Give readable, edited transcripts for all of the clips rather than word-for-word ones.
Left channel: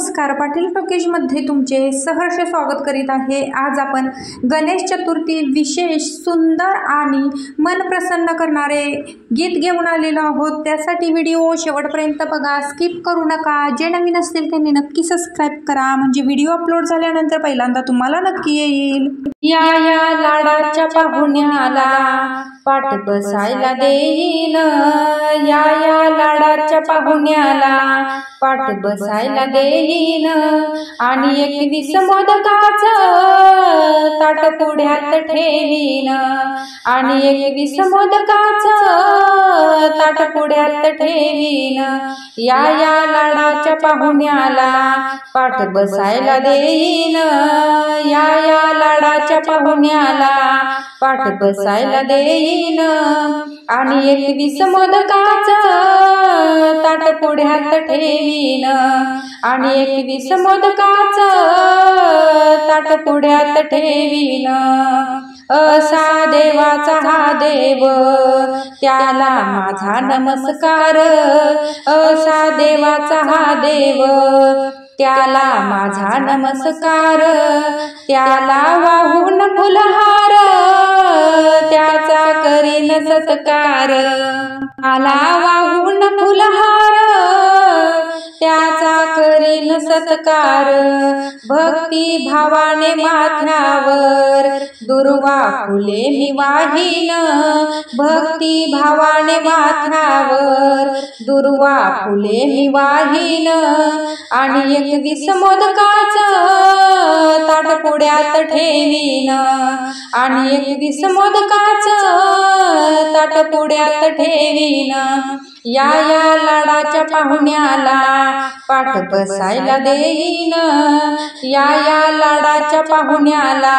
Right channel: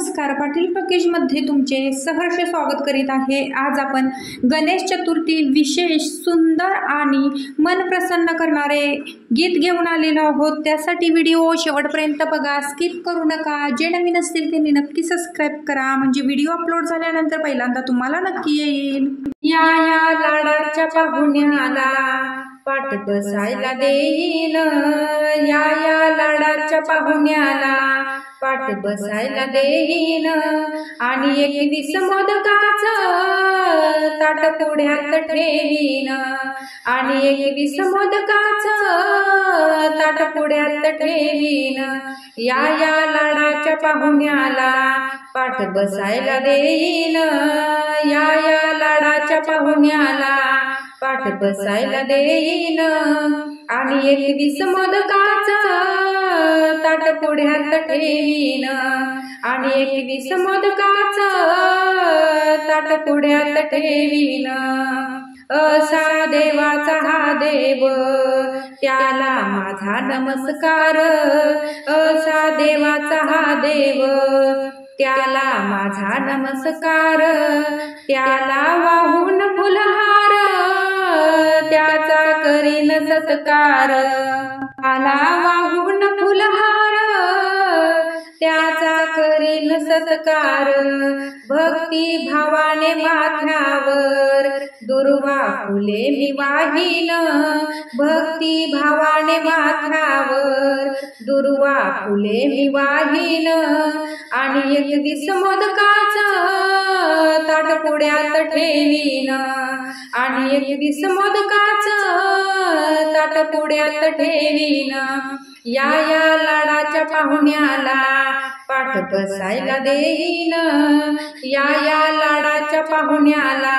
नमस्कार, पाटील टॉकीजमध्ये तुमचे सहर्ष स्वागत करीत आहे। आज आपण गणेश चतुर्थी विशेष सुंदर आणि मन प्रसन्न करणारे गीत घेऊन आलेलो आहोत। त्यासाठी व्हिडिओ शेवटपर्यंत बघा, स्किप करू नका। जे नवीन असतील त्यांनी नक्की सबस्क्राइब करा, म्हणजे व्हिडिओ अपलोड झाल्यानंतर पहिल्यांदा तुम्हाला नक्की येईल। या या लाडाच्या पाहुण्याला पाठ बसायला देईन, या या लाडाच्या पाहुण्याला पाठ बसायला देईन, आणि 21 मोदकाचं ताट पुढ्यात ठेवीन, आणि 21 मोदकाचं ताट पुढ्यात ठेवीन। या या लाडाच्या पाहुण्याला पाठ बसायला देईन, या या लाडाच्या पाहुण्याला पाठ बसायला देईन, आणि 21 मोदकाचं ताट पुढ्यात ठेवीन, आणि 21 मोदकाचं ताट पुढ्यात ठेवीन। असा देवाचा हा देव, त्याला माझा नमस्कार, असा देवाचा हा देव, त्याला माझा नमस्कार। त्याला वाहून फुलहार, त्याचा करीन सत्कार, त्याला वाहून फुलहार, त्याचा करीन सत्कार। भक्ती भावाने माथ्यावर दुर्वा फुले मी वाहीन, भक्ती भावाने माथ्यावर दुर्वा फुले मी वाहीन, आणि 21 मोदकाचं ताट पुढ्यात ठेवीन, आणि 21 मोदकाचं ताट पुढ्यात ठेवीन। या या लाडाच्या पाहुण्याला पाठ बसायला देईन, या या लाडाच्या पाहुण्याला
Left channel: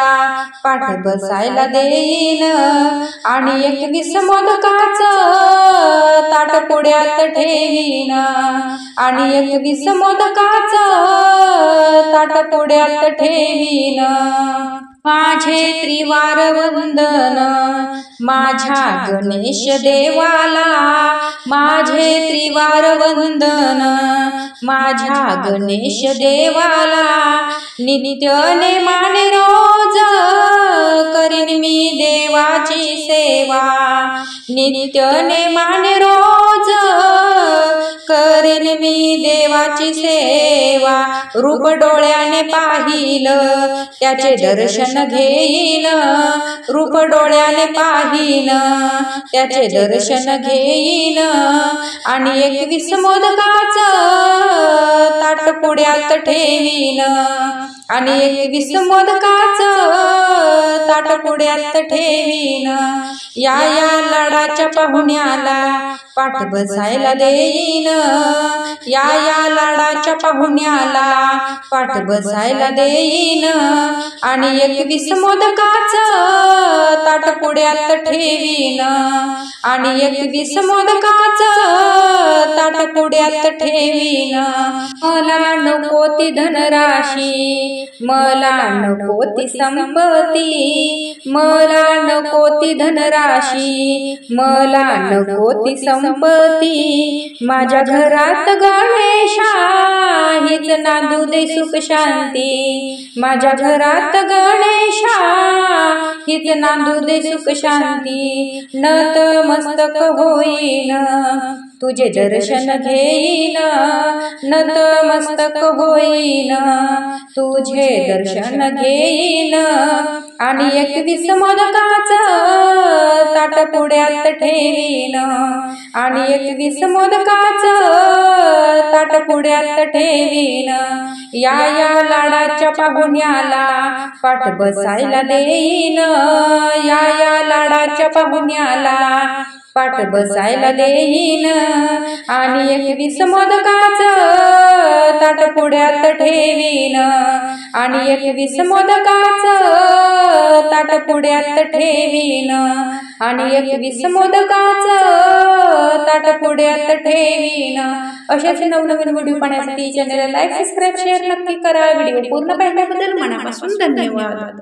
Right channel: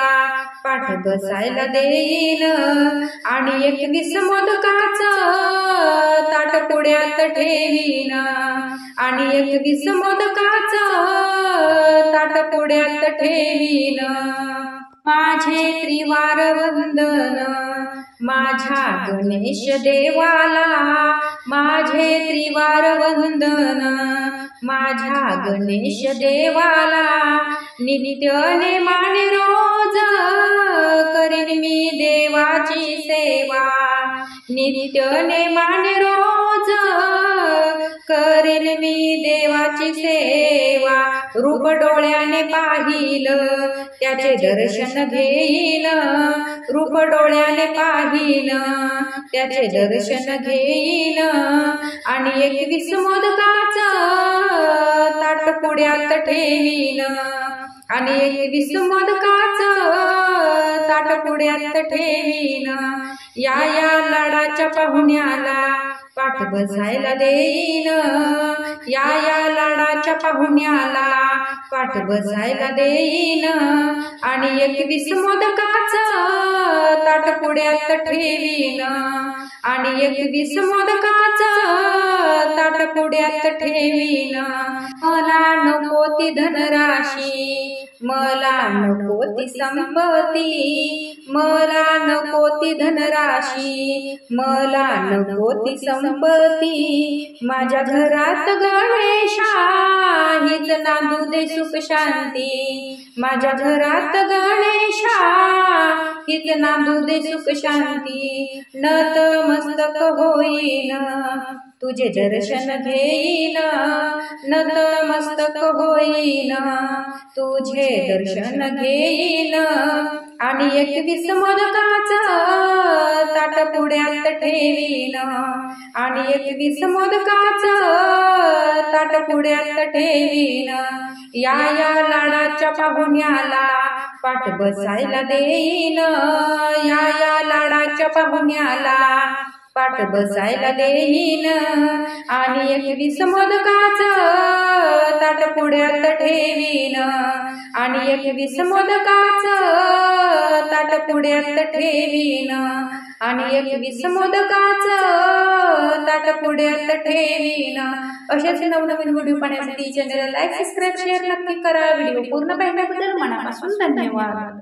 पाठ बसायला देईन, आणि 21 मोदकाचं ताट पुढ्यात ठेवीन, आणि 21 मोदकाचं ताट पुढ्यात ठेवीन। माझे त्रिवार वंदन माझ्या गणेश देवाला, माझे त्रिवार वंदन माझ्या गणेश देवाला। नित्य नेमाने रोज करीन मी देवाची सेवा, नित्य नेमाने रोज करीन मी देवाची सेवा। रूप डोळ्याने पाहिल त्याचे दर्शन घेईन, रूप डोळ्याने पाहिन त्याचे दर्शन घेईन, आणि 21 मोदकाचं ताट पुढ्यात ठेवीन, आणि 21 मोदकाचं ताट पुढ्यात ठेवीन। या या लाडाच्या पाहुण्याला पाठ बसायला देईन, या या लाडाच्या पाहुण्याला पाठ बसायला देईन, आणि 21 मोदकाचं ताट पुढ्यात ठेवीन, आणि 21 मोदकाचं ताट पुढ्यात ठेवीन। मला नको ती धनराशी, मला नको ती संपत्ती, मला नको ती धनराशी, मला नको ती संपत्ती। माझ्या घरात गणेशा हीच नांदू दे सुख शांती, माझ्या घरात गणेशा हीच नांदू दे सुख शांती। नतमस्तक होईन तुझे दर्शन घेईन, नतमस्तक होईन तुझे दर्शन घेईन, आणि 21 मोदकाचं ताट पुढ्यात ठेवीन, आणि 21 मोदकाचं ताट पुढ्यात ठेवीन। या या लाडाच्या पाहुण्याला पाठ बसायला देईन, या या लाडाच्या पाहुण्याला पाठ बसायला देईन, आणि 21 मोदकाचं ताट पुढ्यात ठेवीन, आणि 21 मोदकाचं ताट पुढ्यात ठेवीन, आणि 21 मोदकाचं ताट पुढ्यात ठेवीन। अशाच नवनवीन व्हिडिओ पाहण्यासाठी चॅनलला लाईक, सबस्क्राइब, शेअर नक्की करा। व्हिडिओ पूर्ण पाहिल्याबद्दल मनापासून धन्यवाद।